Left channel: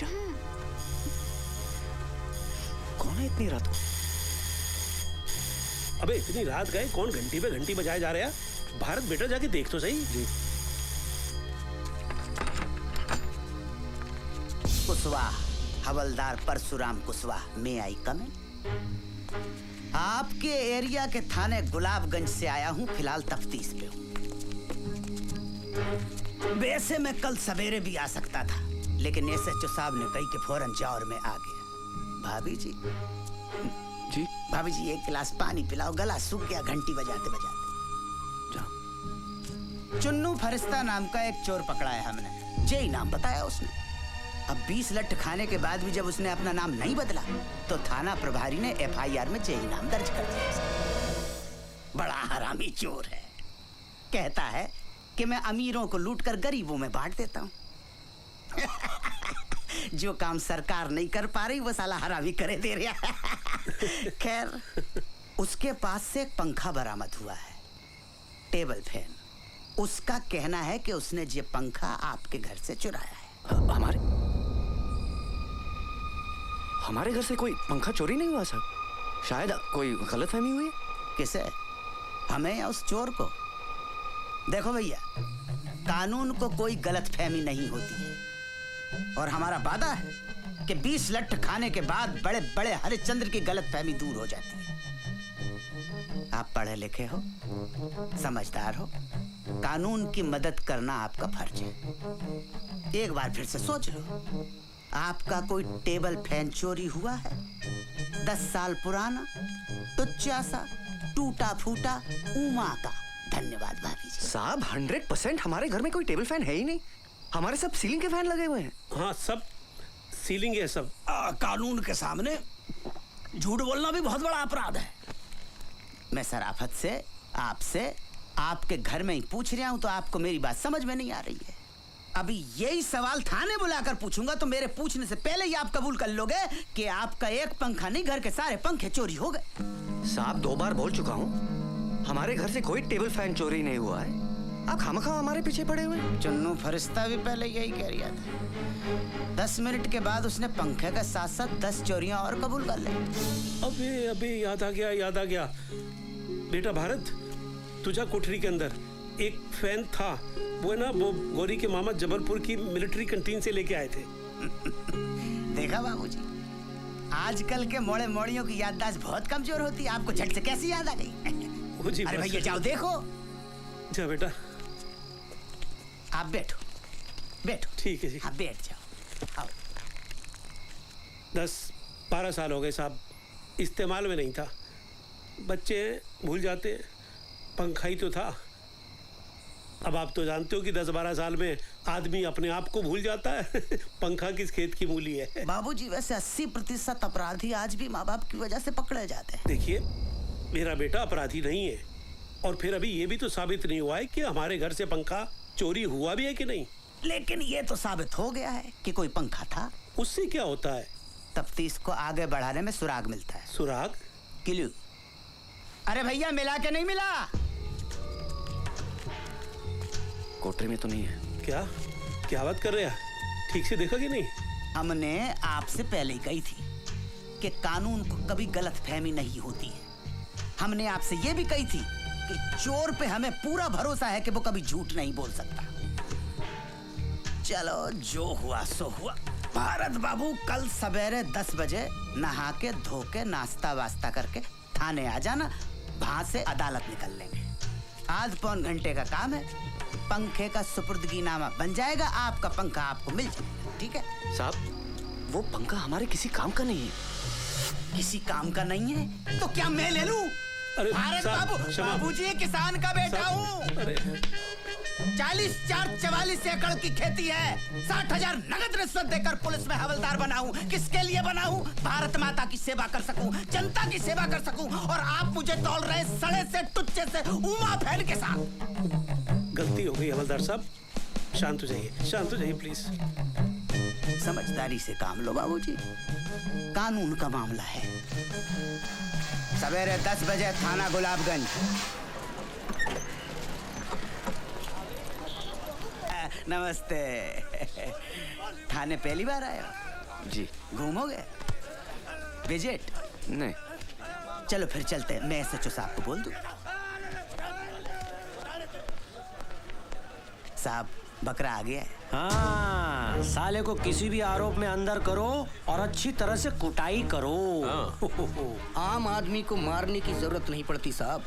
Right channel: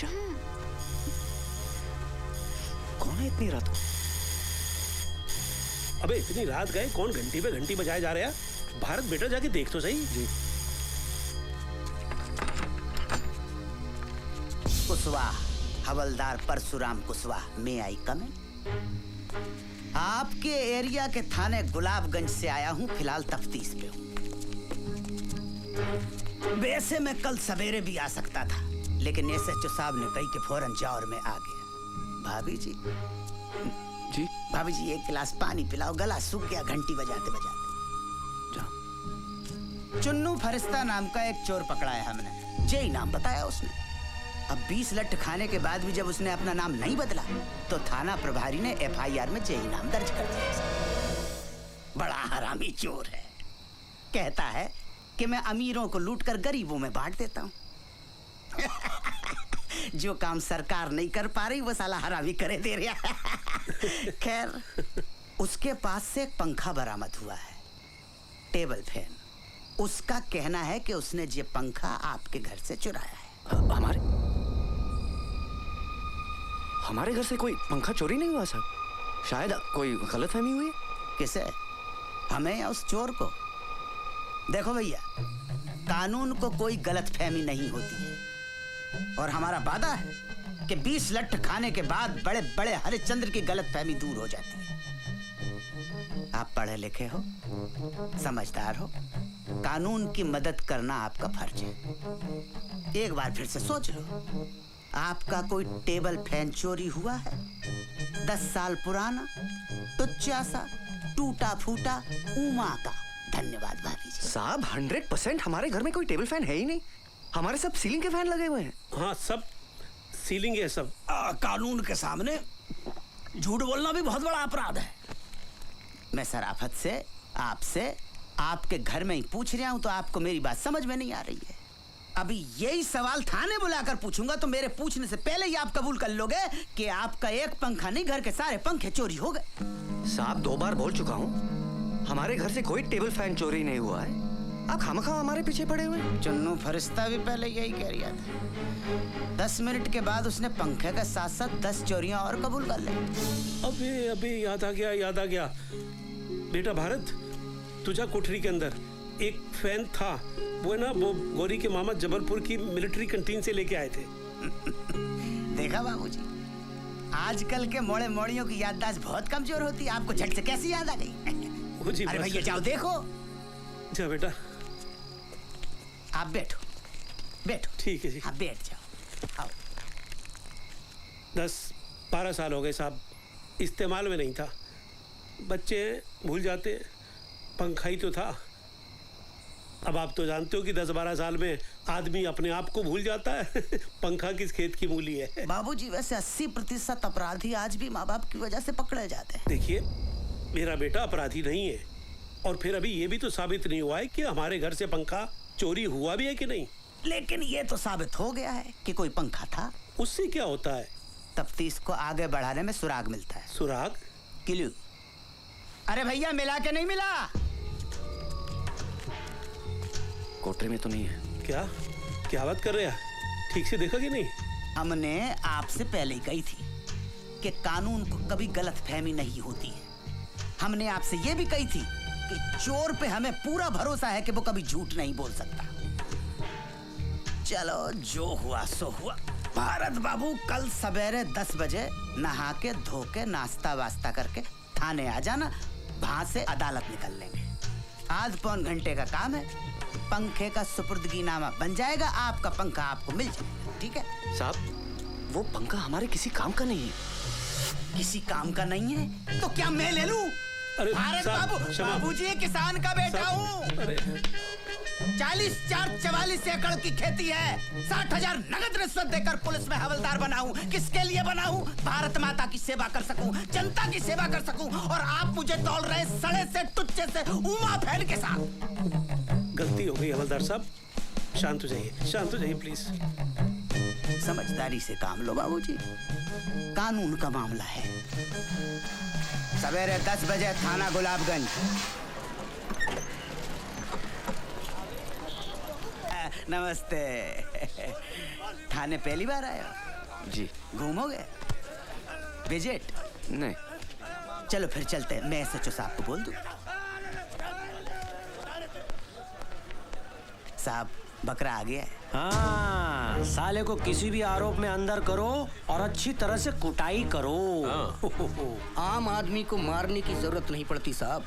मनीषा? कौन है इतनी रात को? अबे इतनी रात गए, कौन घंटी पे घंटी बजाए जा रहे हैं? भारत बेटा जाके देख तो सही। कुशवाहा, हवलदार परशुराम कुशवाहा, मैं आई कम? आपके एरिया के थाने गुलाबगंज से आया हूँ, फिलहाल तफ्तीश पे हूँ। वैसे मैं कल सवेरे भी आ सकता था, लेकिन एसएचओ साहब ने कही कि फौरन जाओ और मैं आ गया। भाभी जी जी? भाभी जी एक गिलास पानी पिलाओ, गला सूख गया घंटी बजाते बजाते। जाओ। चुन्नू फरिश्ता नाम का एक चोर पकड़ा है हमने, जे नाम बताया उसने। अब 20 लठ खाने के बाद भी जब उसने अपना नाम नहीं बदला तो थाना प्रभारी ने एफआईआर में जे नाम दर्ज कर दिया। बड़ा हरामी चोर है। कहता है कि मैं अमीरों को लूटकर गरीबों में बांट देता हूँ। जो काम सरकार नहीं कर पा रही वो साला हरामी करे दे रहा। खैर, उसके पास से एक पंखा बरामद हुआ है, टेबल फैन। उसका कहना है कि उसने ये पंखा आपके घर से चुराया है। हमारे घर से कोई पंखा चोरी नहीं हुआ साहब। शायद कोई गलतफहमी हुई। किसे? हमें या उस चोर को? देखो भैया, कानून को कोई गलतफहमी नहीं होती है, और हमारा वादा है कि 20 लठ खाने के बाद बड़े बड़े हरिश्चंद्र की गलतफहमी दूर हो जाती है। आप पढ़े लिखे हो, समझदार हो, कानून की मदद करना आपका फर्ज है। एक बार फिर से सोच लो, आपका कोई टेबल फैन चोरी हुआ है? 10 साल पुराना, टुच्चा सा, टूटा फूटा, उमा का। धन्यवाद भाभी जी। साहब 100% हमारे घर में कोई टेबल फैन है ही नहीं। हमारे सब सीलिंग के फैन लगे हुए हैं। हाँ, सब सीलिंग है सब। कानून के सामने झूठ बोलना भी बहुत बड़ा अपराध है। मैं शराफत से आपसे आपके घर में ही पूछ रहा हूँ, तो आपको मेरी बात समझ में नहीं आ रही है। अभी यही सवाल थाने बुलाकर पूछूंगा तो मेरे पूछने से पहले ही आप कबूल कर लोगे कि आपका एक पंखा नहीं, घर के सारे पंखे चोरी हो गए। साहब 2 बार बोल चुका हूँ, हमारे घर से कोई टेबल फैन चोरी नहीं हुआ है। आप खामखा हमारे पीछे पड़े हुए हैं। चुन्नू फरिश्ता भी पहले यही कह रहा था। 10 मिनट के बाद उसने पंखे के साथ साथ 10 चोरियां और कबूल कर ली। अबे अबे याद आ गया बेटा भारत, तुझा कोठरी के अंदर एक फैन था, वो ना वो गौरी के मामा जबलपुर की मिलिट्री कैंटीन से लेके आए थे। देखा बाबूजी, आजकल के मोड़े मोड़ियों की याददाश्त बहुत कमजोर होती है। आपको झट से कैसी याद आ गई? अरे भैया जाओ देखो। जा बेटा, आप बैठो। ठीक है जी। हाँ बैठ जाओ। आओ। 10-12 साल हो गए साहब, इस्तेमाल में नहीं था। बच्चे भूल जाते, पंखा ही तो था। अब आप तो जानते हो कि 10-12 साल में आदमी अपने आप को भूल जाता है। पंखा किस खेत की मूली है। बाबूजी वैसे 80% अपराधी आज भी माँ बाप की वजह से पकड़े जाते हैं। देखिए, मेरा बेटा अपराधी नहीं है, और फिर अभी ये भी तो साबित नहीं हुआ है कि हमारे घर से पंखा चोरी हुआ भी है कि नहीं। लेकिन ये तो साबित हो गया है कि कोई पंखा था। उससे क्या होता है? तफ्तीश को आगे बढ़ाने में सुराग मिलता है। सुराग? क्लू। अरे भैया मिला के नहीं मिला? कोठरी में तो नहीं है। क्या बात कर रहे हैं? ठीक से देखा कि नहीं? हमने आपसे पहले ही कही थी कि कानून को कभी गलतफहमी नहीं होती है। हमने आपसे ये भी कही थी कि चोर पे हमें पूरा भरोसा है कि वो कभी झूठ नहीं बोल सकता। चलो जो हुआ सो हुआ। भारत बाबू कल सवेरे 10 बजे नहा के धो के नाश्ता वास्ता करके थाने आ जाना, वहां से अदालत निकल लेंगे। आध पौन घंटे का काम है, पंखे का सुपुर्दगीनामा बन जाएगा, आपका पंखा आपको मिल जाएगा। ठीक है साहब वो पंखा हमारे किसी काम का नहीं है। किसी काम का नहीं है तो क्या मैं ले लूं? अरे भारत बाबूजी किसान का बेटा हूँ। 44 एकड़ की खेती है। 60,000 नगद रिश्वत देकर पुलिस में हवलदार बना हूँ। किसके लिए बना हूँ? भारत माता की सेवा कर सकूं, जनता की सेवा कर सकूं, और आप मुझे तौल रहे सड़े से टुच्चे से उमा फैन के साथ। गलती हो गई हवलदार साहब, शांत हो जाइए प्लीज। समझदारी से काम लो बाबूजी, कानून का मामला है। सवेरे 10 बजे थाना गुलाबगंज। नमस्ते। थाने पहली बार आए हो? जी घूमोगे? विजिट? नहीं। चलो फिर चलते हैं, मैं एसएचओ साहब को बोल दूं। साहब बकरा आ गया है। हाँ, साले को किसी भी आरोप में अंदर करो और अच्छी तरह से कुटाई करो। आम आदमी को मारने की जरूरत नहीं पड़ती साहब,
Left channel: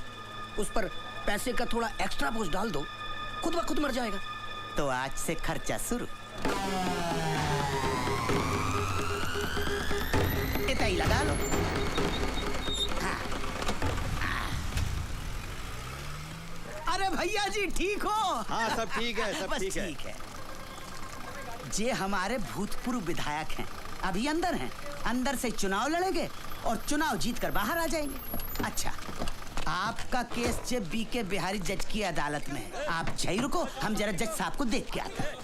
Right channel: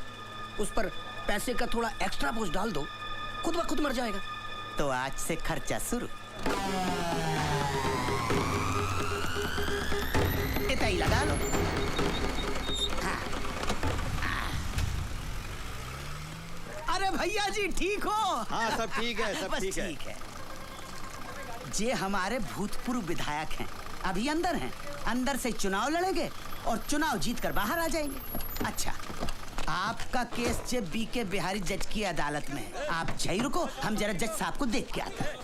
उस पर पैसे का थोड़ा एक्स्ट्रा बोझ डाल दो, खुद ब खुद मर जाएगा। तो आज से खर्चा शुरू। इतना ही लगा लो। अरे भैया जी ठीक हो? हाँ सब ठीक है, सब बस ठीक है। ठीक है। ये हमारे भूतपूर्व विधायक हैं, अभी अंदर हैं। अंदर से चुनाव लड़ेंगे और चुनाव जीतकर बाहर आ जाएंगे। अच्छा, आपका केस जे बीके बिहारी जज की अदालत में है। आप यहीं रुको, हम जरा जज साहब को देख के आते हैं।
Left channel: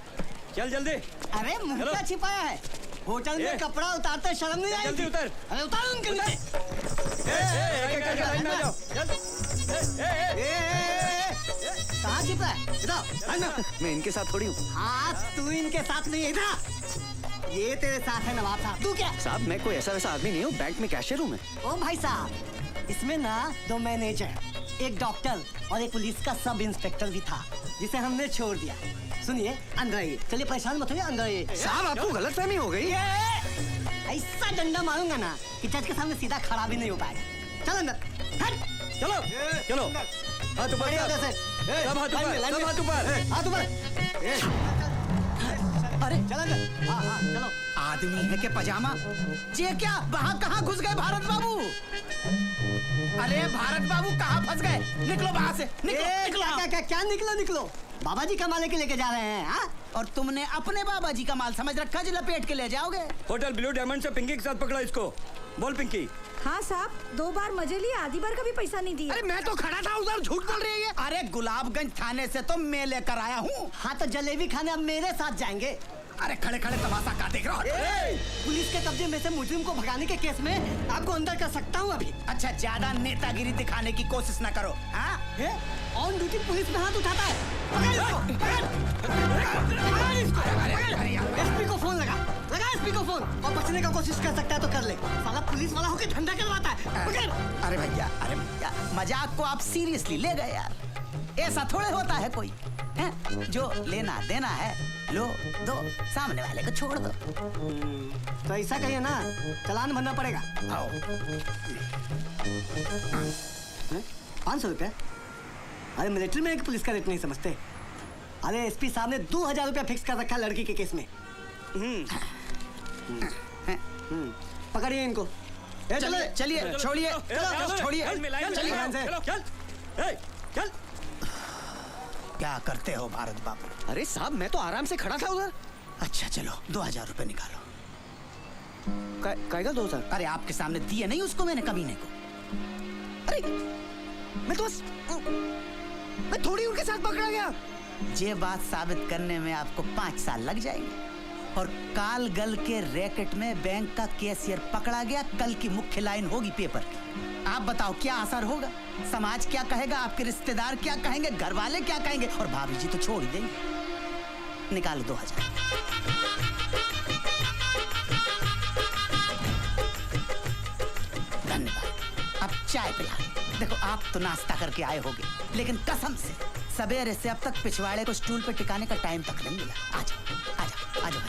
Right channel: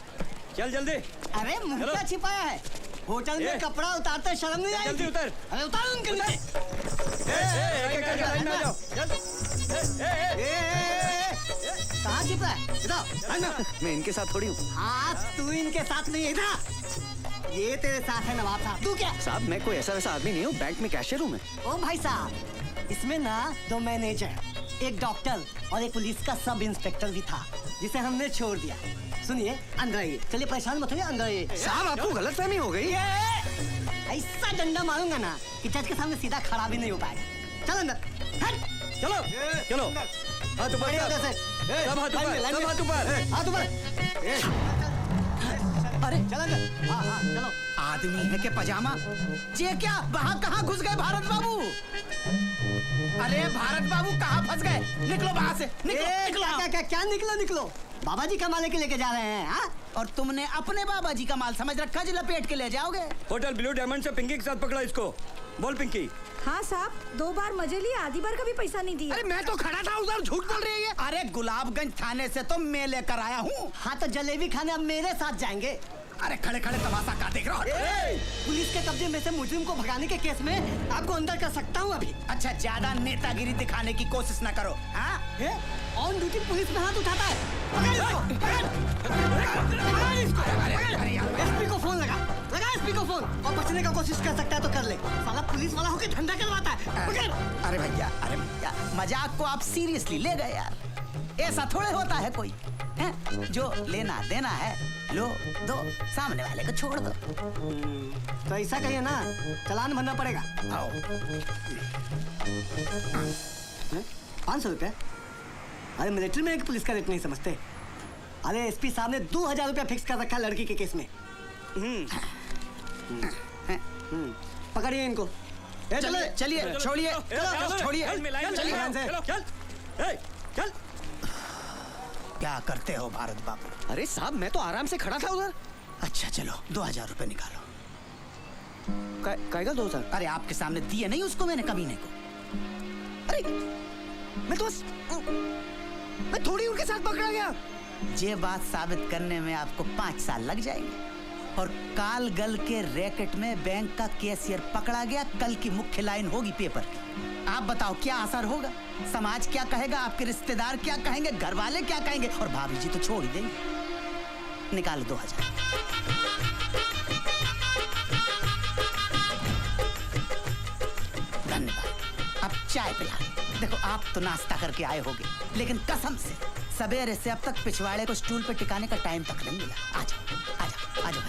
चल जल्दी। अरे मुर्गा छिपाया है होटल में, कपड़ा उतारते शर्म नहीं आई? जल्दी उतर। अरे उतारो उनके लिए। कहाँ छिपा है? इधर। मैं इनके साथ थोड़ी हूँ। हाँ तू इनके साथ नहीं है, इधर। ये तेरे साथ है नवाब साहब। तू क्या? साहब मैं कोई ऐसा वैसा आदमी नहीं हूँ, बैंक में कैशियर हूँ मैं। ओ भाई साहब, इसमें ना 2 मैनेजर, एक डॉक्टर और एक पुलिस का सब इंस्पेक्टर भी था, जिसे हमने छोड़ दिया। सुनिए, अंदर आइए। चलिए परेशान मत होइए, अंदर आइए। साहब आपको गलतफहमी हो गई। ऐसा डंडा मारूंगा ना कि जज के सामने सीधा खड़ा भी नहीं हो पाएगा। चल अंदर। हट। चलो चलो। हाथ ऊपर बढ़िया कर। उधर से। सब हाथ ऊपर, लाइन में, सब हाथ ऊपर। हाथ ऊपर। अरे चल अंदर। हाँ हाँ चलो। आदमी है के पजामा? ये क्या, वहाँ कहाँ घुस गए भारत बाबू? अरे भारत बाबू कहाँ फंस गए? निकलो वहाँ से, निकलो, निकलो। क्या निकलो? बाबा जी का माल के लेके जा रहे हैं? हाँ? और तुमने अपने बाबा जी का माल समझ रखा जो लपेट के ले जाओगे? होटल ब्लू डायमंड से पिंकी के साथ पकड़ा इसको। बोल पिंकी। हाँ साहब, 2 बार मजे लिए, आधी बार का भी पैसा नहीं दिया। अरे मैं तो खड़ा था उधर, झूठ बोल रही है। अरे गुलाबगंज थाने से तो मैं लेकर आया हूँ। हाँ तो जलेबी खाने अब मेरे साथ जाएंगे। अरे खड़े खड़े तमाशा का देख रहा हो? पुलिस के कब्जे में से मुजरिम को भगाने के केस में आपको अंदर कर सकता हूँ अभी। अच्छा, ज्यादा नेतागिरी दिखाने की कोशिश न करो। हाँ? ऑन ड्यूटी पुलिस में हाथ उठाता है। पकड़ इसको। एसपी को फोन लगा एसपी को फोन, और बचने का कोशिश कर सकता है तो कर ले। साला पुलिस वाला होकर झंडा करवाता है। पकड़। अरे भैया मजाक को आप सीरियसली ले गए यार। ऐसा थोड़े होता है कोई है? जो लेना देना है लो दो, सामने वाले को छोड़ दो। तो ऐसा कहिए ना, चालान भरना पड़ेगा। आओ। 500 रुपया? अरे मिलिट्री में एक पुलिस का रेट नहीं समझते। अरे एसपी साहब ने 2000 रुपया फिक्स कर रखा लड़की के केस में। पकड़िए इनको। चलिए चलिए, छोड़िए छोड़िए, चल चल। क्या करते हो भारत बाबू? अरे साहब मैं तो आराम से खड़ा था उधर। अच्छा चलो, 2000 रुपए निकालो। कायगा 2000? अरे आपके सामने दिए नहीं उसको मैंने, कमीने को। अरे मैं तो बस मैं थोड़ी उनके साथ पकड़ा गया। ये बात साबित करने में आपको 5 साल लग जाएंगे। और कालगल के रैकेट में बैंक का कैशियर पकड़ा गया, कल की मुख्य लाइन होगी पेपर की। आप बताओ क्या असर होगा? समाज क्या कहेगा, आपके रिश्तेदार क्या कहेंगे, घर वाले क्या कहेंगे, और भाभी जी तो छोड़ देंगे। निकालो 2000। धन्यवाद। अब चाय पिला। देखो आप तो नाश्ता करके आए होगे, लेकिन कसम से सवेरे से अब तक पिछवाड़े को स्टूल पे टिकाने का टाइम तक नहीं मिला। आ जाओ आ जाओ आ जाओ।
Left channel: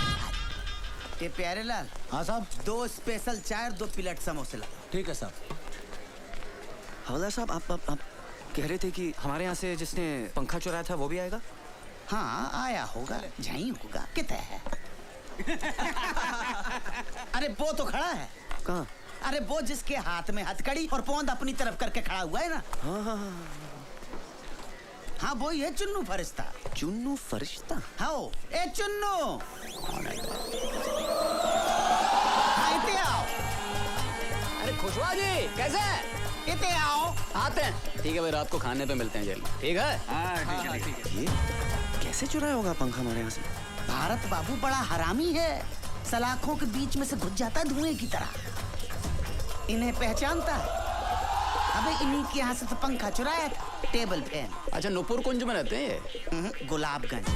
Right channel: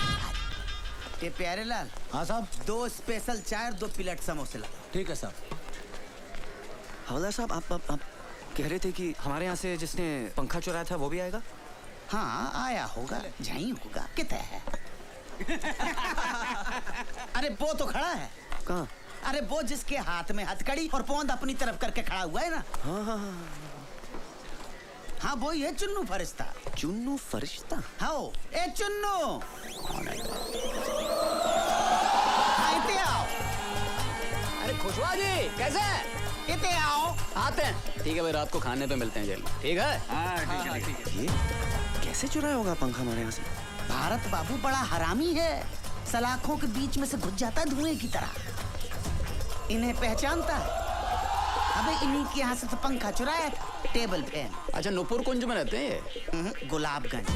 ये प्यारे लाल। हाँ साहब। 2 स्पेशल चाय, 2 प्लेट समोसे लगा। ठीक है साहब। हवलदार साहब आप कह रहे थे कि हमारे यहाँ से जिसने पंखा चुराया था वो भी आएगा? हाँ आया होगा, यहीं होगा। कितने है? अरे वो तो खड़ा है। कहाँ? अरे वो जिसके हाथ में हथकड़ी और पोंद अपनी तरफ करके खड़ा हुआ है ना। हाँ वही है चुन्नू फरिश्ता। चुन्नू फरिश्ता? हाँ ए चुन्नू, इते आओ। अरे खुशवा जी कैसे हैं? इते आओ। आते हैं। ठीक है भाई, रात को खाने पे मिलते हैं जेल में। ठीक है? ये कैसे चुराया होगा पंखा हमारे यहाँ से? भारत बाबू बड़ा हरामी है, सलाखों के बीच में से घुस जाता धुएं की तरह। इन्हें पहचानता है। अबे इन्हीं के यहाँ से तो पंखा चुराया था, टेबल फैन। अच्छा, नूपुर कुंज में रहते हैं? गुलाबगंज।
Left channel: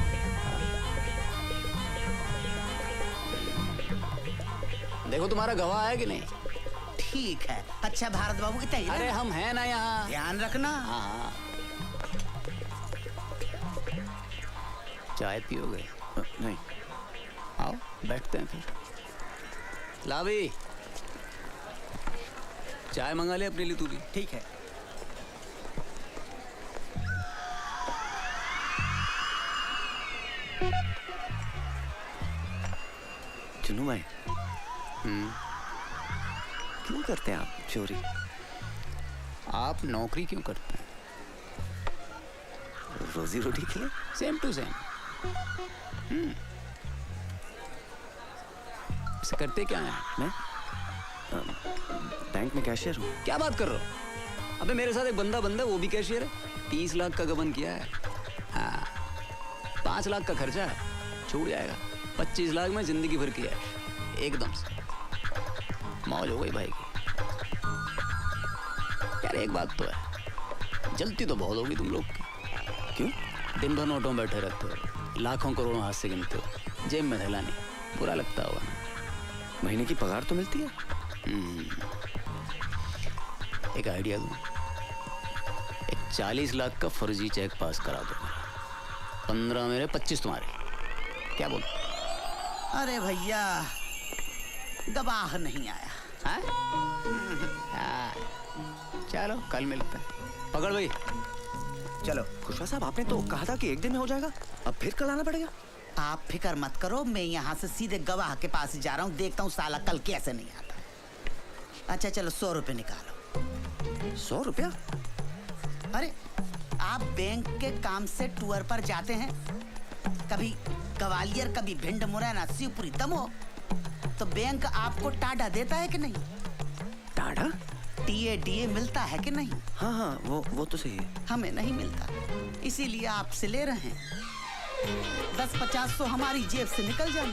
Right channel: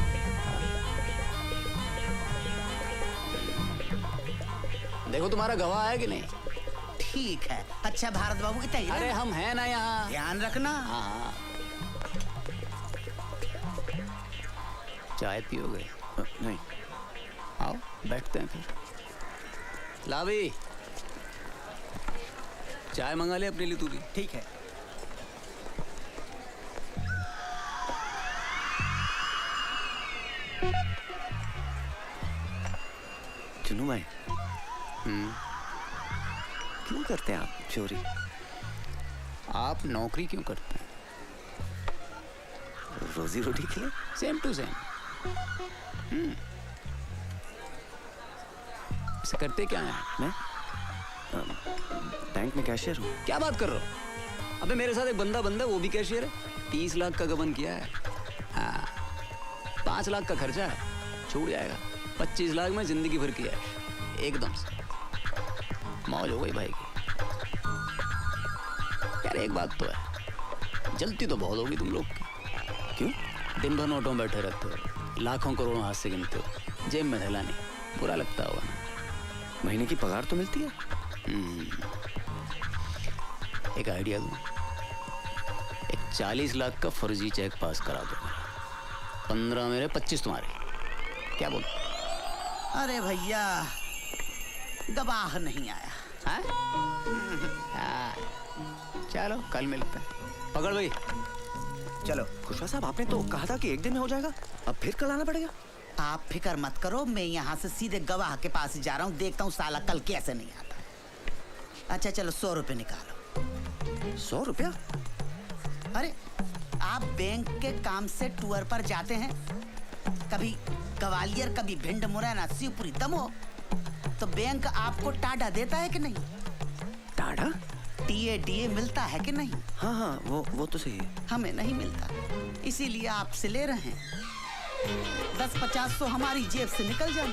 देखो तुम्हारा गवाह है कि नहीं? ठीक है। अच्छा भारत बाबू की तहरीर अरे है। हम हैं ना यहाँ। ध्यान रखना। हाँ हाँ। चाय पियोगे? नहीं। आओ बैठते हैं फिर। ला भाई, चाय मंगा ले अपने लिए तू भी। ठीक है। चुनू भाई, क्यों करते हैं आप चोरी? आप नौकरी क्यों करते हैं? रोजी रोटी के लिए। Same to same. इसे करते क्या है? मैं बैंक में कैशियर हूँ। क्या बात कर रहे हो? अबे मेरे साथ एक बंदा वो भी कैशियर है। 30 लाख का गबन किया है। हाँ, 5 लाख का खर्चा है, छूट जाएगा। 25 लाख में जिंदगी भर किया है, एकदम से मौज हो गई भाई की। यार एक बात तो है, जलती तो बहुत होगी तुम लोग की। क्यों? दिन भर नोटों में बैठे रहते हो, लाखों करोड़ों हाथ से गिनते हो, जेब में थैला नहीं, बुरा लगता होगा। महीने की पगार तो मिलती है। एक आइडिया दूं, एक 40 लाख का फर्जी चेक पास करा दो, 15 मेरे 25 तुम्हारे, क्या बोल? अरे भैया, गवाह नहीं आया। हाँ? चलो कल मिलते हैं। पकड़ भाई। चलो खुशवा साहब, आपने तो कहा था कि एक दिन में हो जाएगा, अब फिर कल आना पड़ेगा। आप फिक्र मत करो, मैं यहाँ से सीधे गवाह के पास ही जा रहा हूँ, देखता हूँ साला कल कैसे नहीं आता। अच्छा चलो 100 रुपए निकालो। 100 रुपया? अरे आप बैंक के काम से टूर पर जाते हैं, कभी ग्वालियर, कभी भिंड, मुरैना, शिवपुरी, दमोह, तो बैंक आपको टाडा देता है कि नहीं? टाडा? टीए मिलता है कि नहीं? हाँ हाँ, वो तो सही है। हमें नहीं मिलता, इसीलिए आपसे ले रहे हैं। 10-50 तो हमारी जेब से निकल जाए।